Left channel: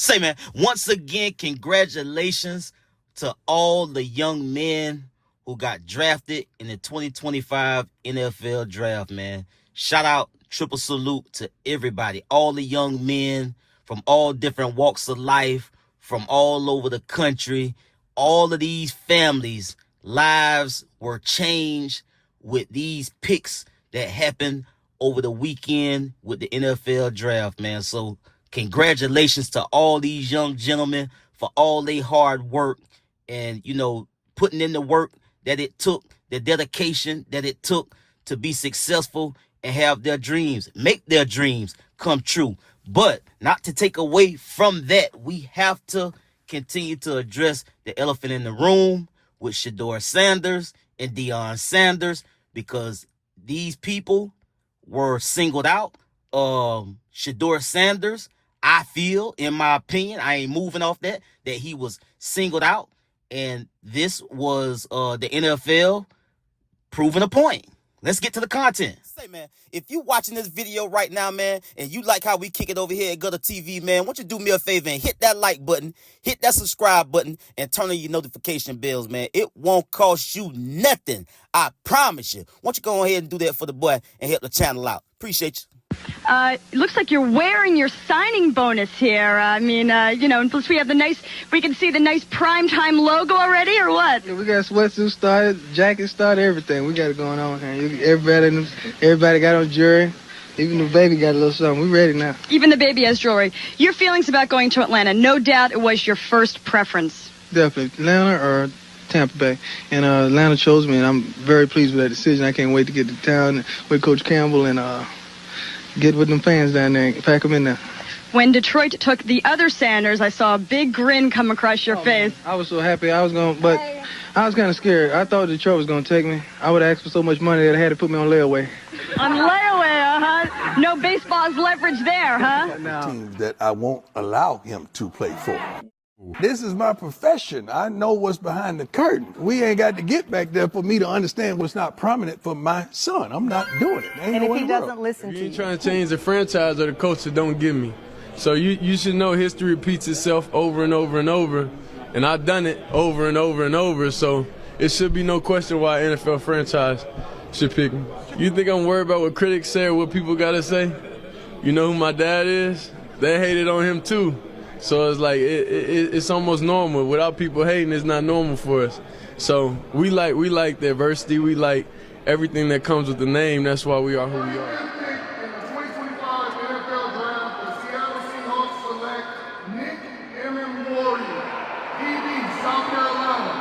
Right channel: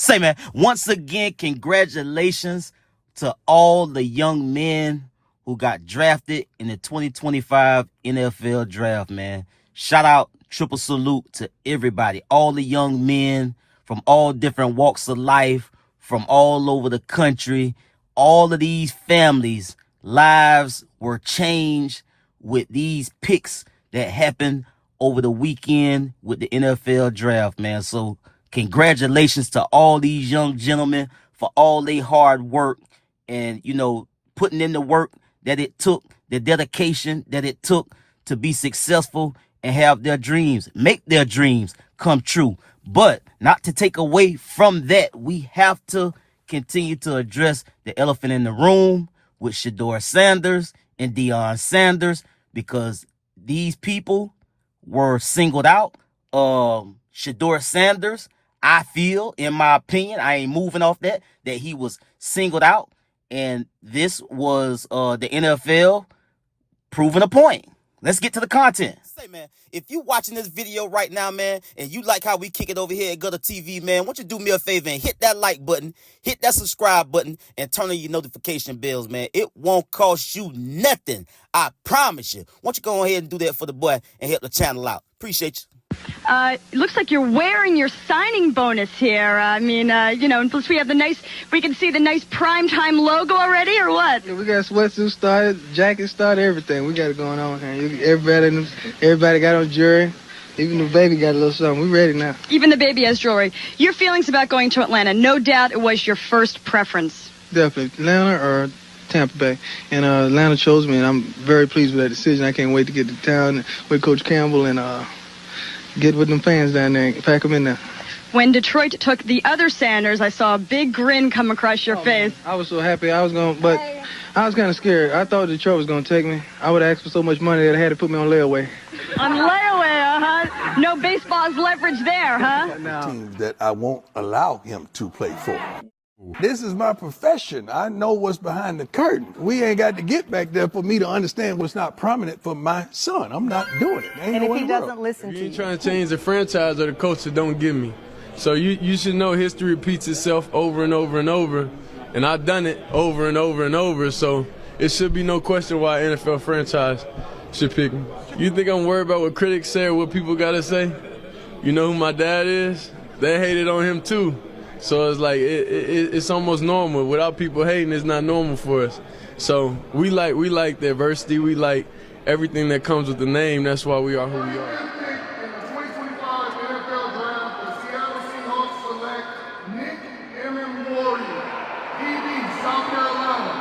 Say, man, once again, congratulations to all the young men who got drafted in the 2025 NFL draft, man. Shout out, triple salute to everybody, all the young men from all different walks of life, from all over the country. All of these families' lives were changed with these picks that happened over the weekend with the NFL draft, man. So congratulations to all these young gentlemen for all their hard work and, you know, putting in the work that it took, the dedication that it took to be successful and have their dreams, make their dreams come true. But not to take away from that, we have to continue to address the elephant in the room with Shedeur Sanders and Deion Sanders, because these people were singled out. Shedeur Sanders, I feel, in my opinion, I ain't moving off that he was singled out. And this was the NFL proving a point. Let's get to the content. Say, man, if you watching this video right now, man, and you like how we kick it over here at GuddaTV, man, why don't you do me a favor and hit that like button, hit that subscribe button, and turn on your notification bells, man. It won't cost you nothing. I promise you. Why don't you go ahead and do that for the boy and help the channel out. Appreciate you. It looks like you're wearing your signing bonus here. I mean, you know, and plus we have we can see the nice primetime logo already, or what? Yeah, we got sweatsuits started, jackets started, everything. We got it going on here. Everybody got on jewelry. Even the baby got a little something. We ready now. Even the baby has jewelry. Your feelings about going to Atlanta? No doubt it was your first preference. Definitely. Atlanta or Tampa Bay. And Atlanta chose me, and I'm very pleased with that decision. I can't wait to get to town with Coach Campbell and get with them fans down there and pack them in there. When Detroit took the other Sanders, I saw a big grin come across your face. Man, I was so happy. But I was kind of scared. I thought Detroit was going to take me. I would ask for so much money that I had to put me on layaway. On layaway, huh? No baseball's leverage there, huh? Teams that I won't allow him to play for. This is my profession. I know what's behind the curtain. We ain't got to get back there for me to understand what's not prominent for my son. I'm not doing it. And if he doesn't listen to you. You ain't trying to change the franchise or the coach that don't give me. So you should know history repeats itself over and over and over. And I've done it over and over and over. So it should be no question why an NFL franchise should pick me. You think I'm worried about what critics say or what people got to say? You know who my dad is? They hated on him too. So it's like it's almost normal. Without people hating, it's not normal for us. So we like the adversity. We like everything that comes with the name. That's why we are who we are. In the 2025 NFL Draft, the Seattle Seahawks select Nick Warrior, DB, South Carolina.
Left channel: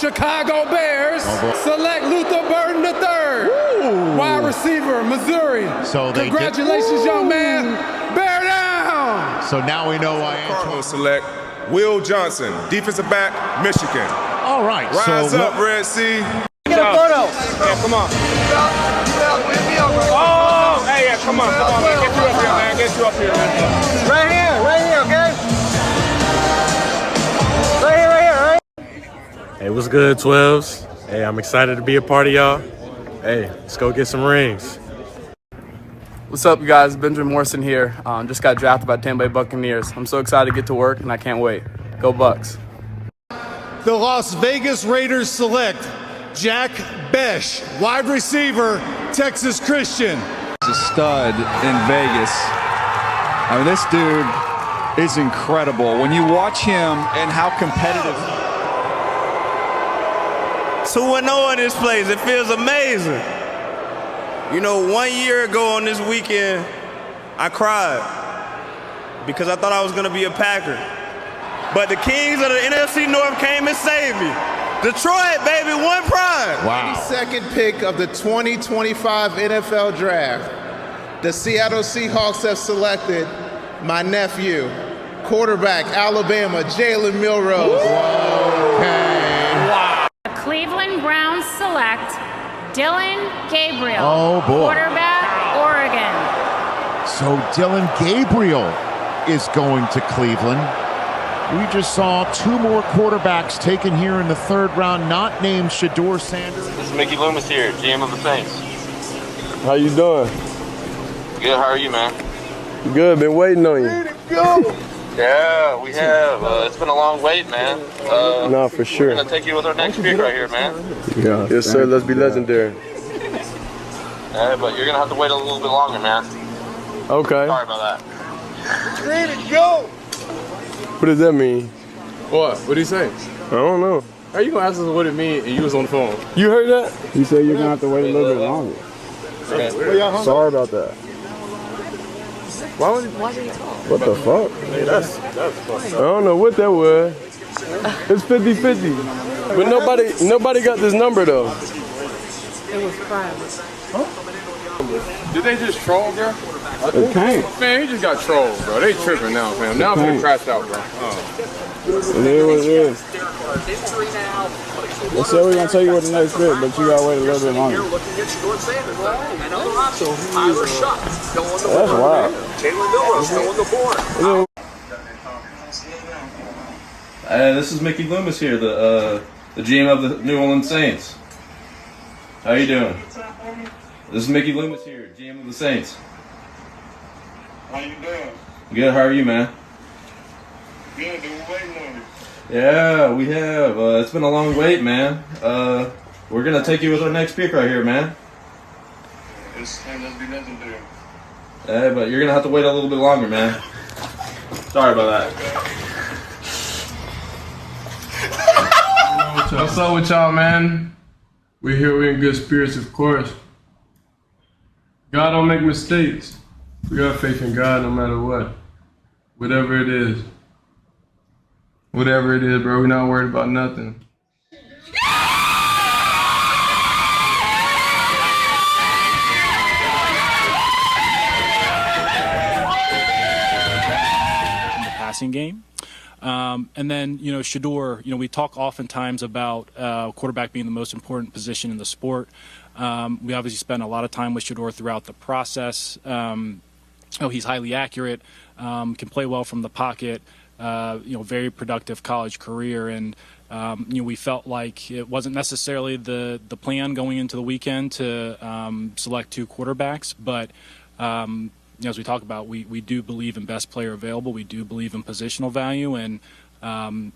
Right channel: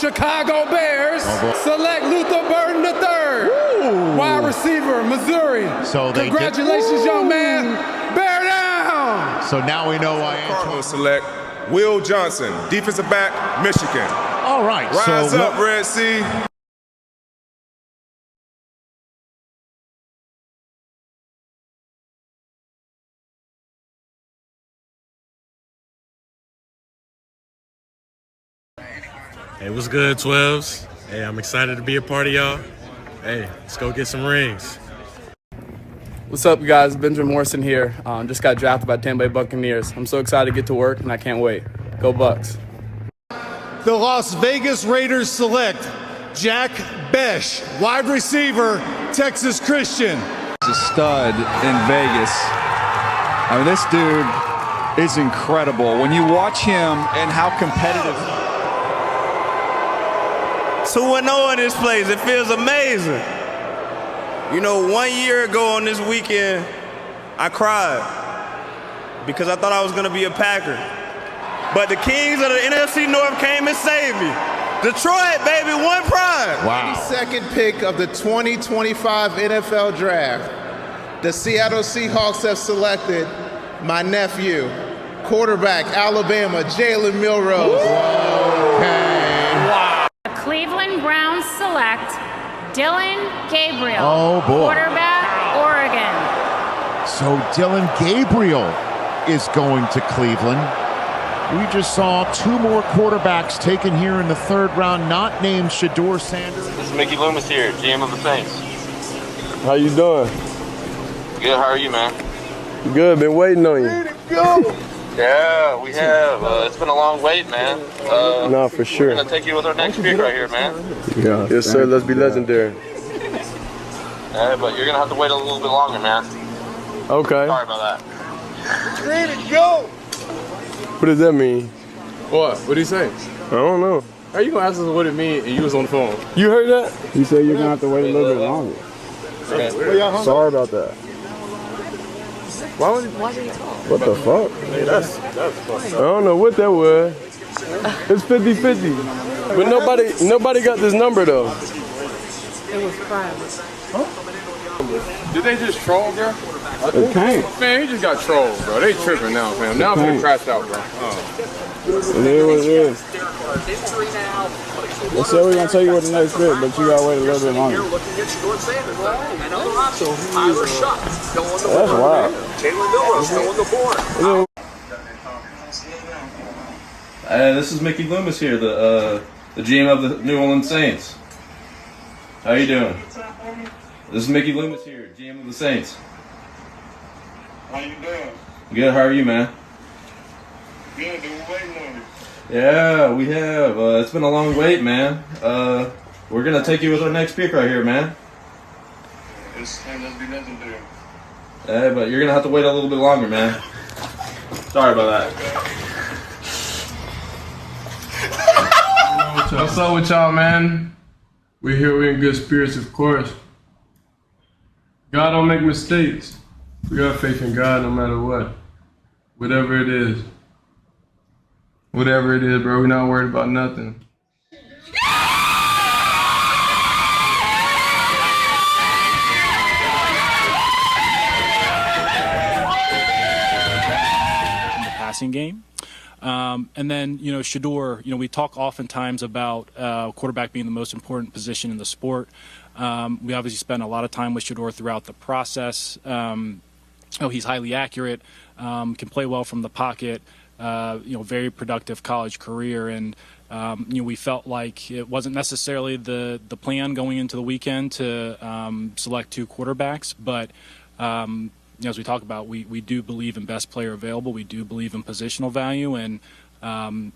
Chicago Bears select Luther Burden III. Wide receiver, Missouri. So they congratulations, young man. Bear down. So now we know why Cardinals select Will Johnson, defensive back, Michigan. All right. Rise up, Red Sea. Get a photo. Yeah, come on. Oh, hey, yeah, come on, man. Get you up here, man. Get you up here, man. Right here, okay? Right here. Hey, what's good, 12s? Hey, I'm excited to be a part of y'all. Hey, let's go get some rings. What's up, you guys? Benjamin Morrison here. Just got drafted by Tampa Bay Buccaneers. I'm so excited to get to work, and I can't wait. Go Bucks. The Las Vegas Raiders select Jack Besh, wide receiver, Texas Christian. He's a stud in Vegas. I mean, this dude is incredible. When you watch him and how competitive. 2-0 in this place. It feels amazing. You know, 1 year ago on this weekend, I cried because I thought I was going to be a Packer. But the Kings of the NFC North came and saved me. Detroit, baby, one prime. Wow. 22nd pick of the 2025 NFL Draft. The Seattle Seahawks have selected my nephew, quarterback, Alabama, Jalen Milroe. Wow. Cleveland Browns select Dylan Gabriel, boy. quarterback, Oregon. So Dylan Gabriel is going to Cleveland. We just saw two more quarterbacks taken here in the third round, not named Shedeur Sanders. This is Mickey Loomis here, GM of the Saints. How you doing? Good, how are you, man? Good, been waiting on you. Yeah, we have. It's been a long wait, man. No, for sure. We're going to take you with our next pick right here, man. Yeah. Yes, sir. Let's be legendary. Yeah, but you're going to have to wait a little bit longer, man. Okay. Sorry about that. Ready to go. What does that mean? What? What'd he say? I don't know. How you gonna ask us what it means and you was on the phone? You heard that? He said you're gonna have to wait a little bit longer. Sorry about that. Why would What the fuck? Hey, that's I don't know what that was. It's 50-50. But nobody got this number though. It was private. Did they just troll, bro? It can't. Man, he just got trolled, bro. They tripping now, fam. Now I'm getting crashed out, bro. It is what it is. They said we're gonna take you with the next bit, but you gotta wait a little bit longer. That's wild. This is Mickey Loomis here, the GM of the New Orleans Saints. How you doing? This is Mickey Loomis here, GM of the Saints. How you doing? Good, how are you, man? Good, been waiting on you. Yeah, we have. It's been a long wait, man. We're gonna take you with our next pick right here, man. Let's be legendary. Yeah, but you're gonna have to wait a little bit longer, man. Sorry about that. What's up with y'all, man? We're here, we're in good spirits, of course. God don't make mistakes. We got faith in God no matter what. Whatever it is. Whatever it is, bro, we're not worried about nothing. In the passing game. And then, Shedeur, we talk oftentimes about quarterback being the most important position in the sport. We obviously spent a lot of time with Shedeur throughout the process. He's highly accurate, can play well from the pocket, very productive college career. And, we felt like it wasn't necessarily the plan going into the weekend to select two quarterbacks, but as we talk about, we do believe in best player available. We do believe in positional value, and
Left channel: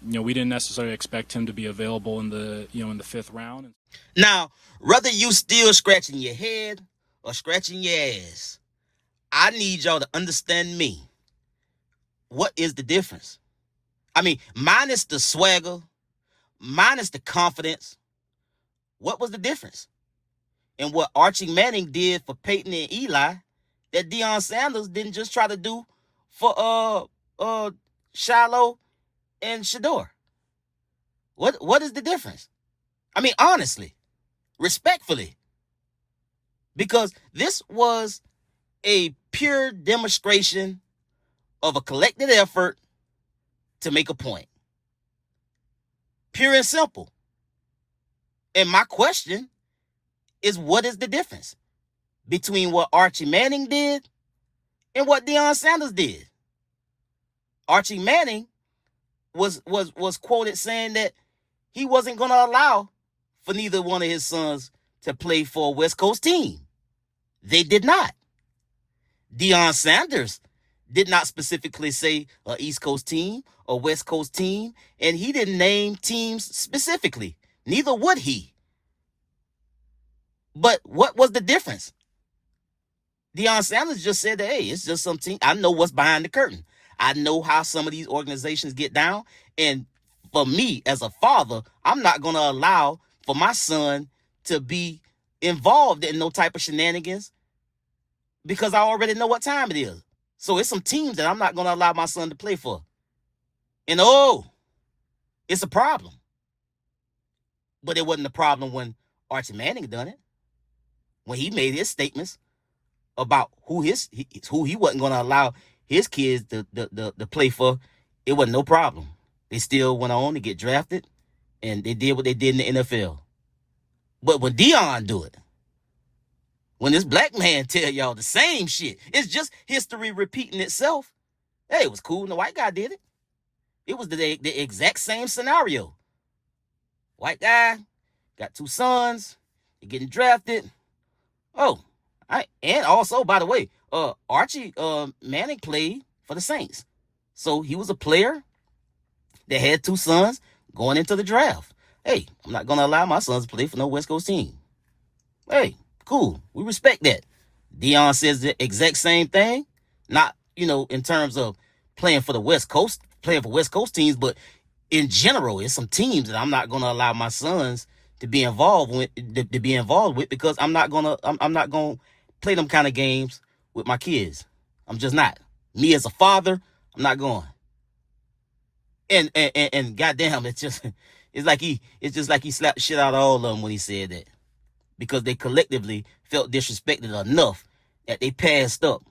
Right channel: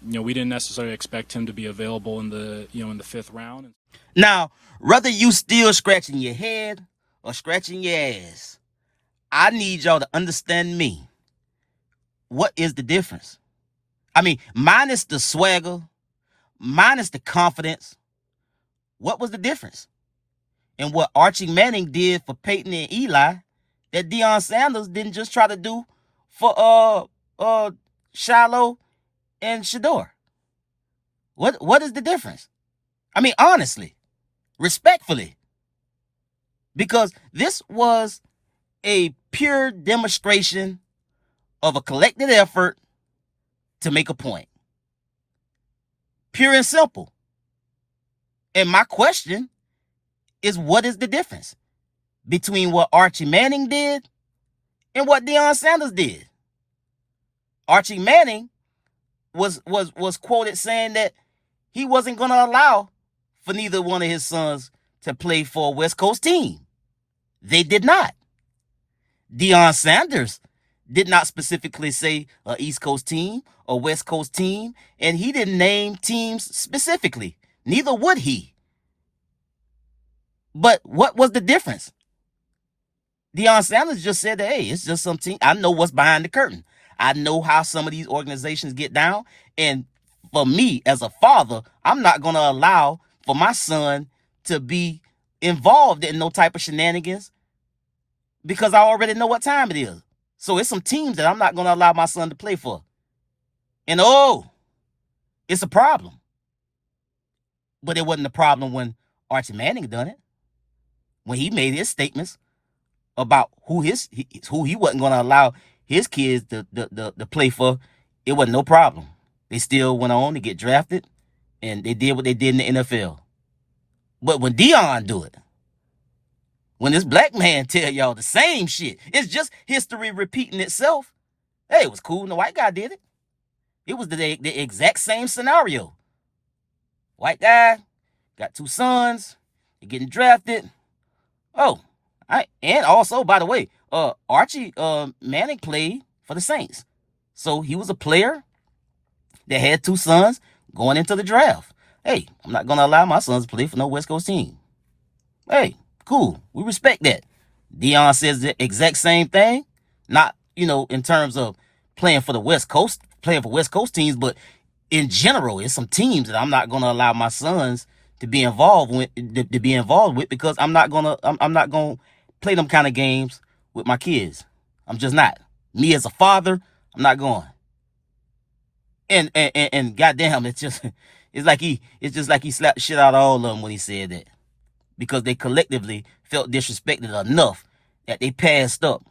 we didn't necessarily expect him to be available in the in the 5th round. Now, whether you still scratching your head or scratching your ass, I need y'all to understand me. What is the difference? I mean, minus the swagger, minus the confidence, what was the difference? And what Archie Manning did for Peyton and Eli, that Deion Sanders didn't just try to do for Shilo and Shedeur. What is the difference? I mean, honestly, respectfully, because this was a pure demonstration of a collective effort to make a point. Pure and simple. And my question is, what is the difference between what Archie Manning did and what Deion Sanders did? Archie Manning was quoted saying that he wasn't going to allow for neither one of his sons to play for a West Coast team. They did not. Deion Sanders did not specifically say an East Coast team or West Coast team, and he didn't name teams specifically. Neither would he. But what was the difference? Deion Sanders just said that, hey, it's just some team. I know what's behind the curtain. I know how some of these organizations get down. And for me, as a father, I'm not going to allow for my son to be involved in no type of shenanigans because I already know what time it is. So it's some teams that I'm not going to allow my son to play for. And it's a problem. But it wasn't a problem when Archie Manning done it. When he made his statements about who he wasn't going to allow his kids to play for, it wasn't no problem. They still went on to get drafted, and they did what they did in the NFL. But when Deion do it, when this black man tell y'all the same shit, it's just history repeating itself. Hey, it was cool when the white guy did it. It was the exact same scenario. White guy, got 2 sons, they're getting drafted. Oh, I And also, by the way, Archie Manning played for the Saints. So he was a player that had 2 sons going into the draft. Hey, I'm not going to allow my sons to play for no West Coast team. Hey, cool. We respect that. Deion says the exact same thing. Not, in terms of playing for West Coast teams, but in general, it's some teams that I'm not going to allow my sons to be involved with because I'm not going to play them kind of games with my kids. I'm just not. Me as a father, I'm not going. And goddamn, it's just like he slapped shit out of all of them when he said that, because they collectively felt disrespected enough that they passed up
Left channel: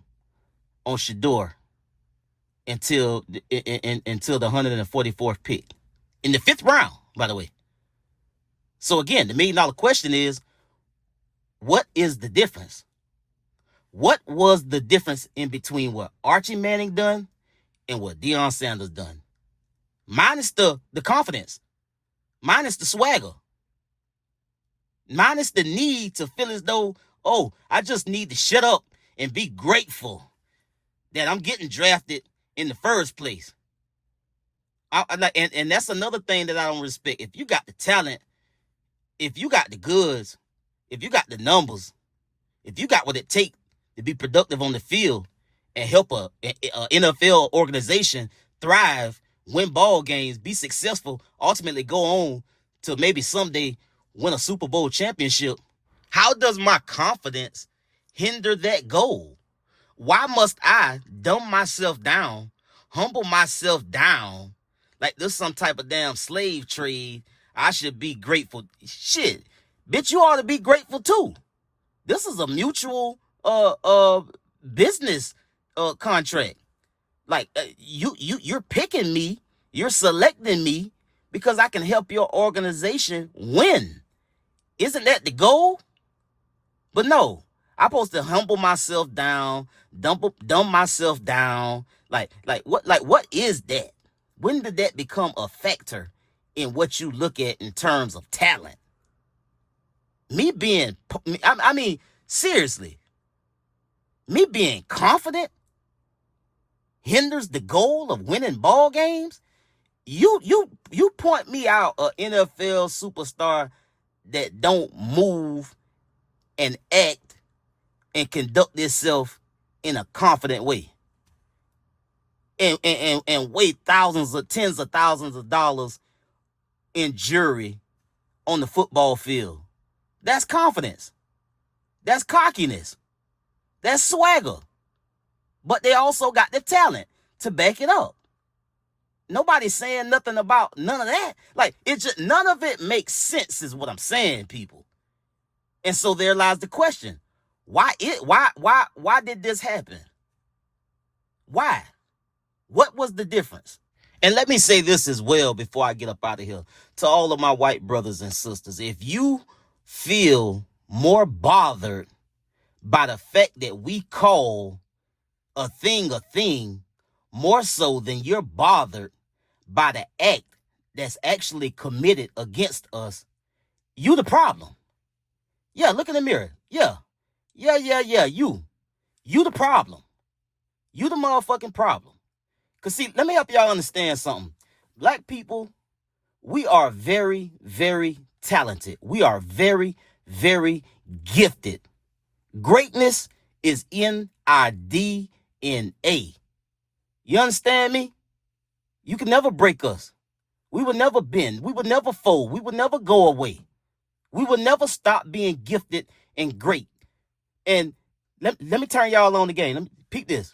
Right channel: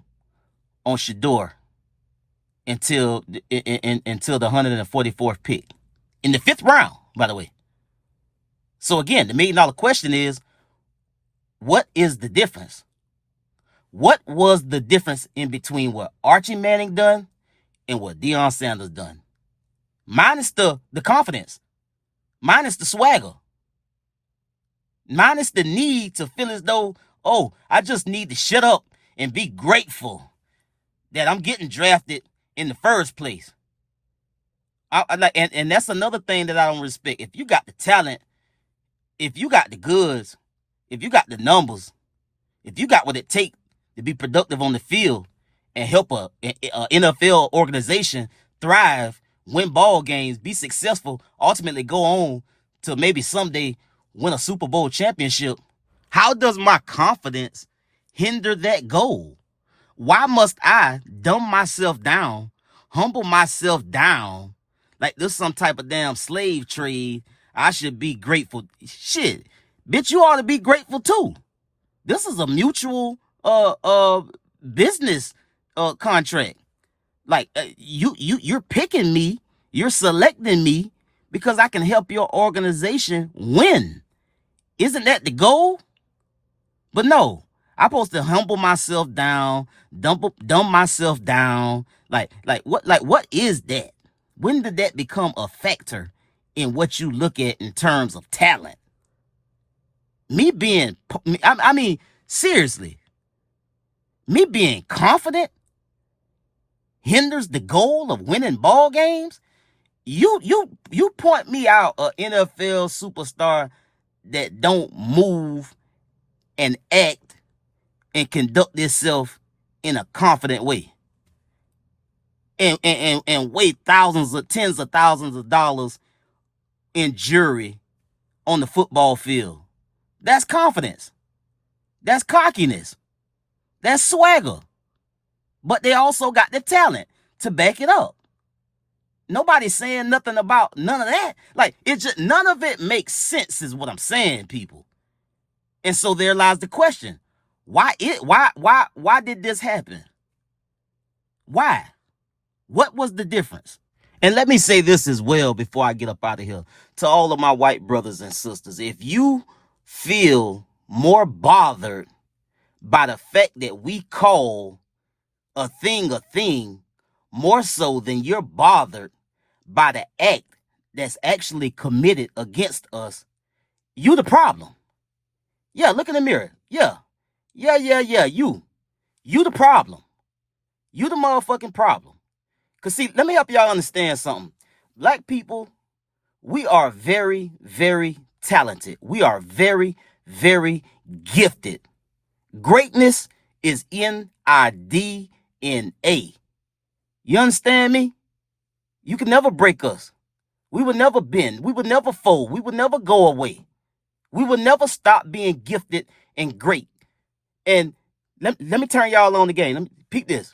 on Shedeur until the 144th pick in the 5th round, by the way. So again, the $1 million question is, what is the difference? What was the difference in between what Archie Manning done and what Deion Sanders done? Minus the confidence, minus the swagger, minus the need to feel as though, oh, I just need to shut up and be grateful that I'm getting drafted in the first place. And that's another thing that I don't respect. If you got the talent, if you got the goods, if you got the numbers, if you got what it takes to be productive on the field and help a NFL organization thrive, win ball games, be successful, ultimately go on to maybe someday win a Super Bowl championship, how does my confidence hinder that goal? Why must I dumb myself down, humble myself down, like this some type of damn slave trade? I should be grateful. Shit, bitch, you ought to be grateful too. This is a mutual business contract. Like you're picking me, you're selecting me because I can help your organization win. Isn't that the goal? But no, I'm supposed to humble myself down, dumb myself down. Like what is that? When did that become a factor in what you look at in terms of talent? Seriously, me being confident hinders the goal of winning ball games? You point me out an NFL superstar that don't move and act and conduct itself in a confident way and weigh tens of thousands of dollars in jury on the football field. That's confidence. That's cockiness. That's swagger. But they also got the talent to back it up. Nobody's saying nothing about none of that. Like, it just, none of it makes sense is what I'm saying, people. And so there lies the question. Why did this happen? Why? What was the difference? And let me say this as well before I get up out of here. To all of my white brothers and sisters, if you feel more bothered by the fact that we call a thing more so than you're bothered by the act that's actually committed against us, you the problem. Yeah, look in the mirror. Yeah. You the problem. You the motherfucking problem. Because see, let me help y'all understand something. Black people, we are very, very talented. We are very, very gifted. Greatness is in our DNA. You understand me? You can never break us. We will never bend. We will never fold. We will never go away. We will never stop being gifted and great. And let me turn y'all on the game. Let me peep this.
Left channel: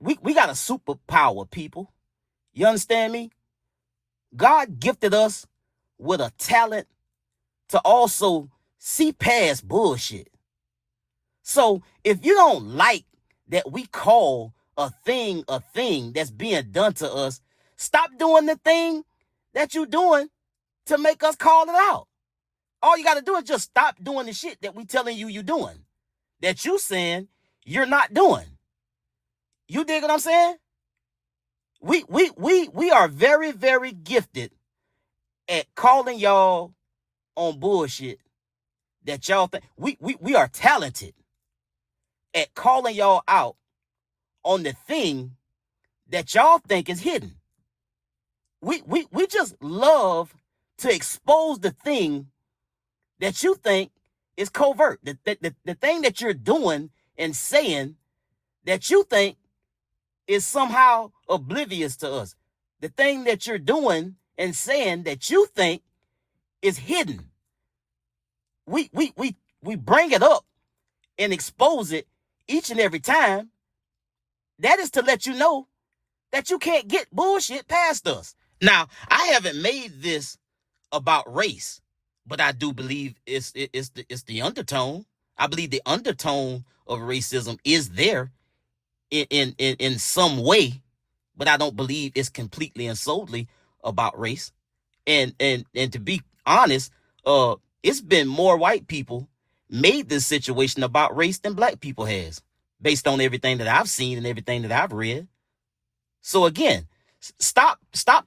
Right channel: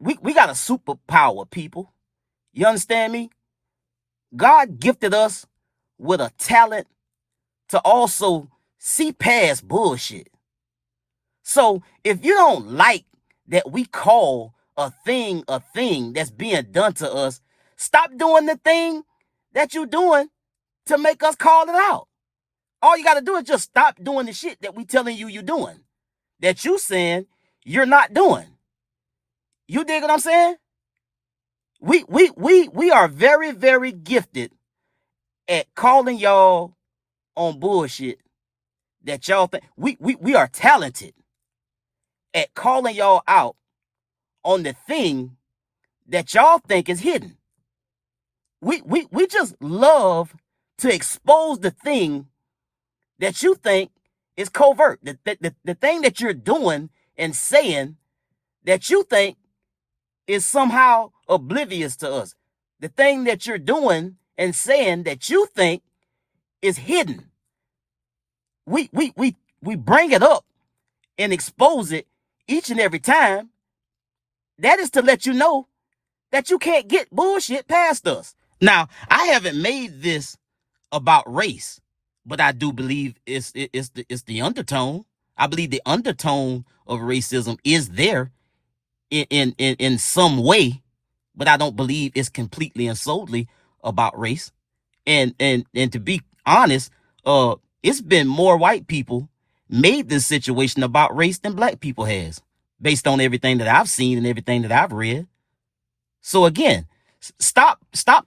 We got a superpower, people. You understand me? God gifted us with a talent to also see past bullshit. So if you don't like that we call a thing that's being done to us, stop doing the thing that you're doing to make us call it out. All you got to do is just stop doing the shit that we telling you you're doing, that you saying you're not doing. You dig what I'm saying? We are very, very gifted at calling y'all on bullshit that y'all think. We are talented. at calling y'all out on the thing that y'all think is hidden. We just love to expose the thing that you think is covert. The thing that you're doing and saying that you think is somehow oblivious to us. The thing that you're doing and saying that you think is hidden. We bring it up and expose it each and every time. That is to let you know that you can't get bullshit past us. Now, I haven't made this about race, but I do believe it's the undertone. I believe the undertone of racism is there in some way, but I don't believe it's completely and solely about race. And to be honest, it's been more white people made this situation about race than black people has, based on everything that I've seen and everything that I've read. So again, stop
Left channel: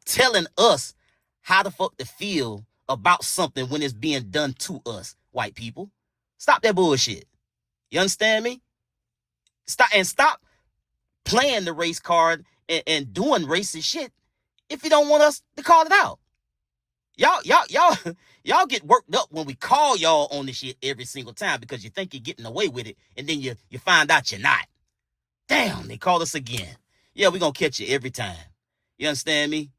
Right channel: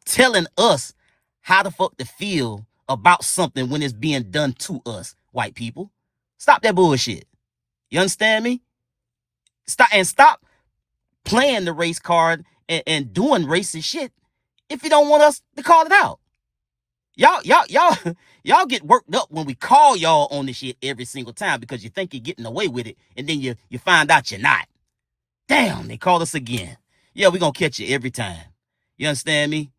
telling us how the fuck to feel about something when it's being done to us, white people. Stop that bullshit. You understand me? Stop playing the race card and doing racist shit if you don't want us to call it out. Y'all get worked up when we call y'all on this shit every single time because you think you're getting away with it, and then you find out you're not. Damn, they called us again. Yeah, we're gonna catch you every time. You understand me?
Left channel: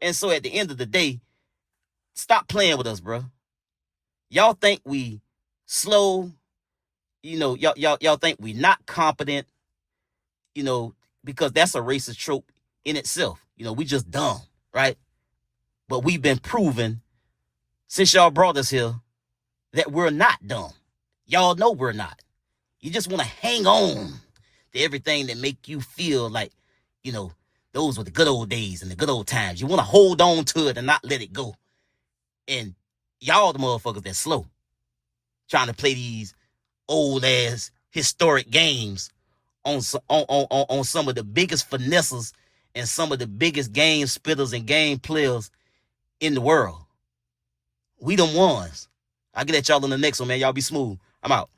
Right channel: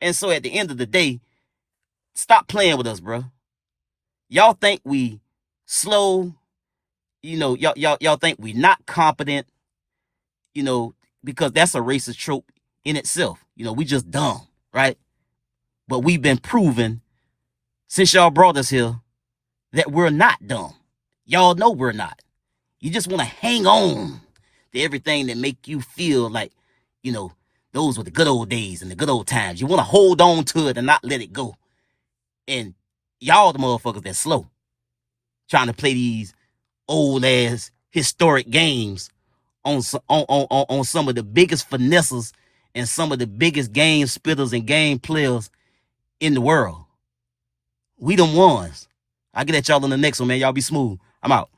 And so at the end of the day, stop playing with us, bro. Y'all think we slow, y'all think we not competent, because that's a racist trope in itself. We just dumb, right? But we've been proven since y'all brought us here that we're not dumb. Y'all know we're not. You just want to hang on to everything that make you feel like, those were the good old days and the good old times. You want to hold on to it and not let it go. And y'all the motherfuckers that's slow, trying to play these old ass historic games on some of the biggest finesses and some of the biggest game spitters and game players in the world. We them ones. I'll get at y'all on the next one, man. Y'all be smooth. I'm out.